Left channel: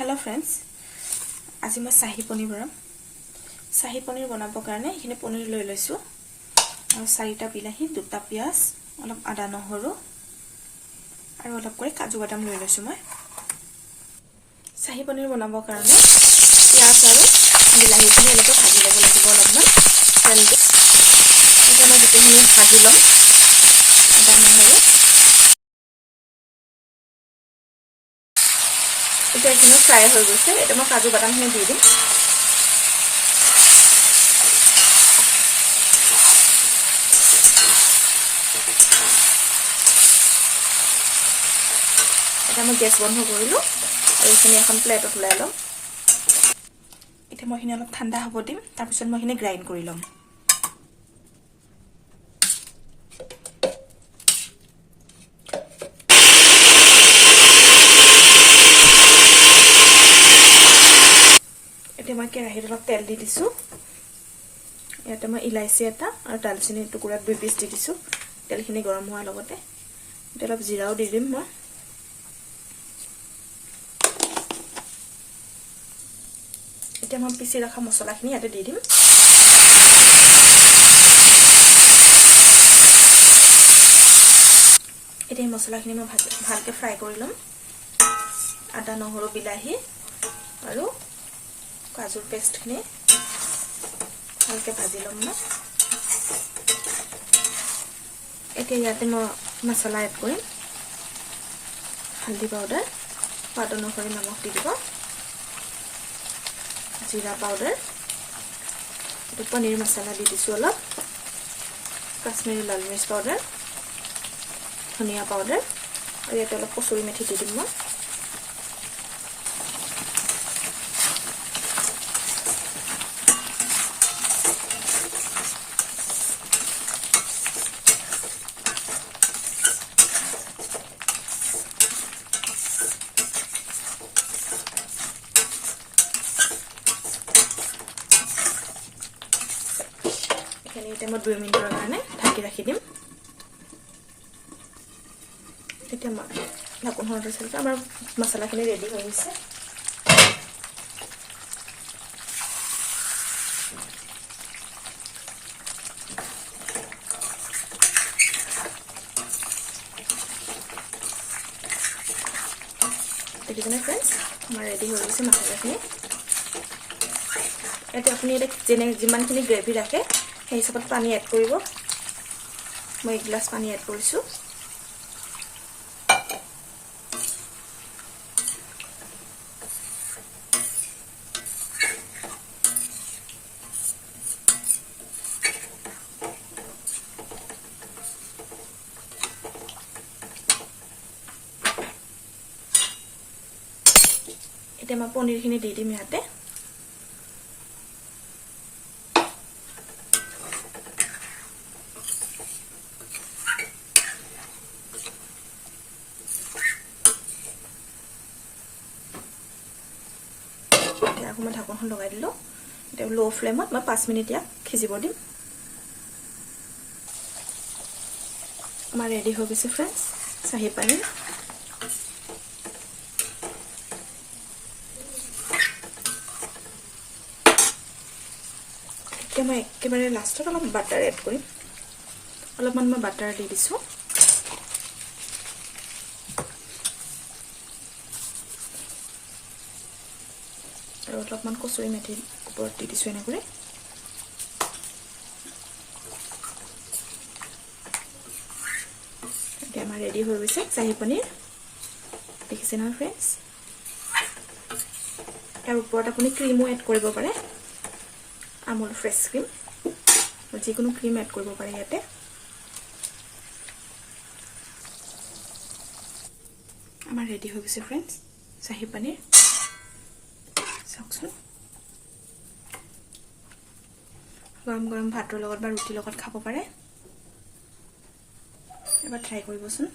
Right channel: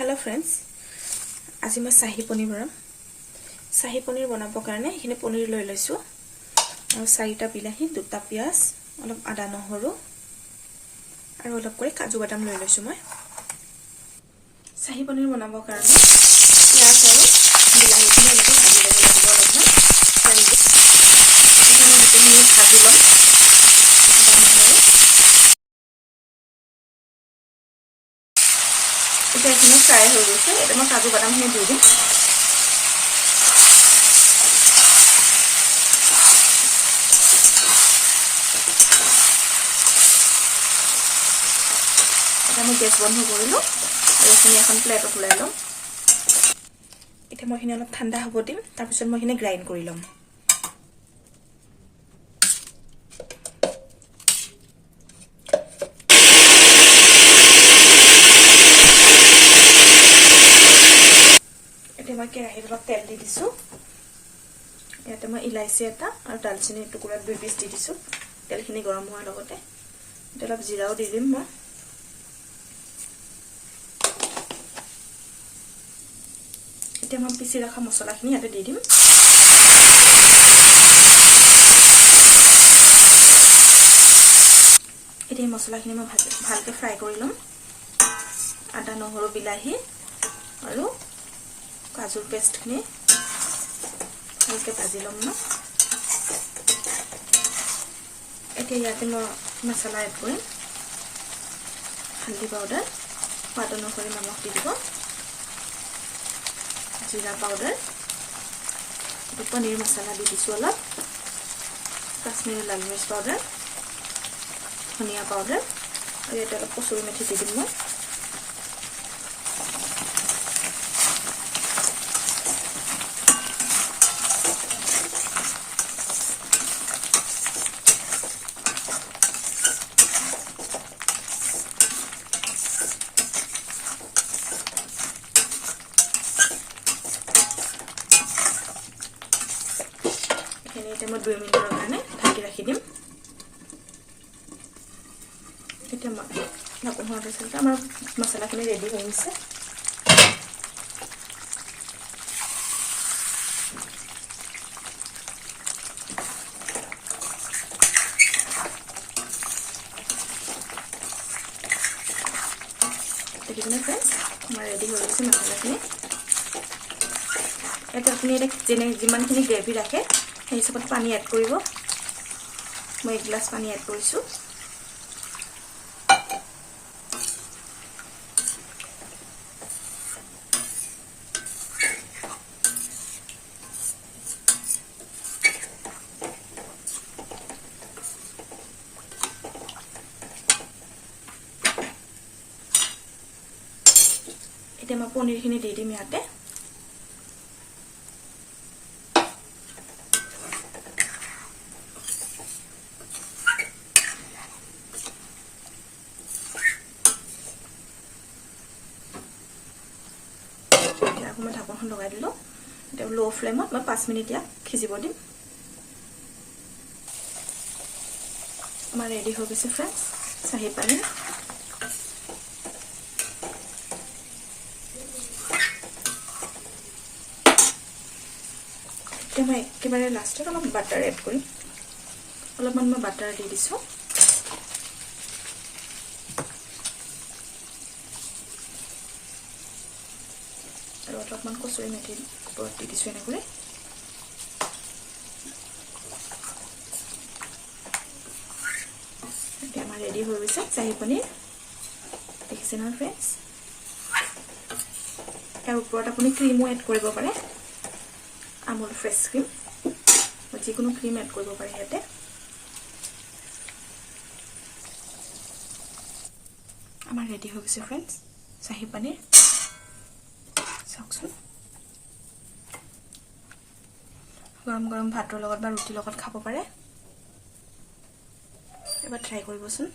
Hello friends, आज मैं शाही पनीर बनाम। शाही पनीर बनाबो कारणे एखिनि पनीर লৈ লৈছো আৰু 4টা বিলাহী, 2টা পিয়াজ, অলপ আদা নহৰু আৰু অলপ কৰি কাজু বাদাম লৈ লৈছো। মই শাही পনীৰ বনাবো কাৰণে পিয়াজ আৰু বিলাহীখিনি অলপ ভাজি ল'ব লাগিব। অলপমান তেল দি এটা মই গোটেইখিনি ভাজি ল'ম। আদা নহৰু এটা এখানে ফ্রাই হয়ে গেছে। এটা মই কাজু বাদামখিনি দিয়ে দিম। এটা মই গ্যাস বন্ধ কৰিলো আৰু এখানে এখন প্লেটত উলাই লম। এটা মই এখানে অলপ ঠাণ্ডা হ'ব দিম। তাৰ পিছত মই এখানে গ্ৰাইন্ড কৰি লম। मैं केराहीत अलप तेल दी दिसु। याते मैं इलायची एटा और दालचिनी टुकुरा 2 पिस दी दिसु। तेलखिनि गरम होৱাৰ লগতে অলপ জিৰাও দি দিম। মই এতিয়া মই পিছি ৰাখা মছলাখিনি ইয়াতে দি দিম। এতিয়া মছলাখিনি মই ভালকে ফ্ৰাই কৰি লম। আদা নহৰু বিলাহী আৰু কাজুৰ পেষ্টখিনি ভালকে ভাজি লম। মই এতিয়া ইয়াতে মই মছলা এড কৰিম। হালধি পাউডাৰ, সোৱাদ অনুসৰি নিমখ দি দিব, জিৰা পাউডাৰ, পনীৰ মছলা দি দিছোঁ অলপ, কাশ্মীৰী লাল মিৰ্চ পাউডাৰ, ধনিয়া পাউডাৰ আৰু ইয়াতে অলপ কচুৰি মেথি দি দিম। মই এটা মই 2 মিনিটৰ কাৰণে ঢাকি ৰাখি দিম। এতিয়া মই ঢাকন হোৱাৰ পিছত আমাৰ মছলাখিনি ৰেডি হৈ গৈছে। দেখিছেনে ফ্ৰেণ্ডছ, আমাৰ ৰেডি হৈ গৈছে মছলাখিনি। এটা আপুনি এটা যিমানখিনি গ্ৰেভি ৰাখে সেই হিচাপত পানী এড কৰিব। মই 1 গ্লাছ পানী এড কৰিছো। এতিয়া মই পনীৰখিনি দি দিম ইয়াতে। मैं ढाकन लगा दिलो। लो फ्लेमत मैं 5 मिनिट याक सिजिब दिम। रेडी हो गई फ्रेंड्स शाही पनीर। मैं एकेबारे लास्टत अलप बाटार एड करिम। अलपमान मैं बाटार दी दिसु। অলপমান কচুৰি মেথি ওপৰত দি দিছোঁ এনেকৈ। এতিয়া আমাৰ ৰেডি হৈ গৈছে শাহী পনীৰ। দেখিছে নহয় ফ্ৰেণ্ডছ। তাৰ ওপৰত আপুনি ক্ৰীমো এড কৰিব পাৰে। আমুল ফ্ৰেছ ক্ৰীম, যিকোনো ক্ৰীম এড কৰিব পাৰে ইয়াতে। আমাৰ ৰেডি হৈ গৈছে ফ্ৰেণ্ডছ শাহী পনীৰ। গৰম গৰম ভাতৰ লগত বা ৰুটিৰ লগত খাব পাৰে। এবাৰ ট্ৰাই কৰিবচোন।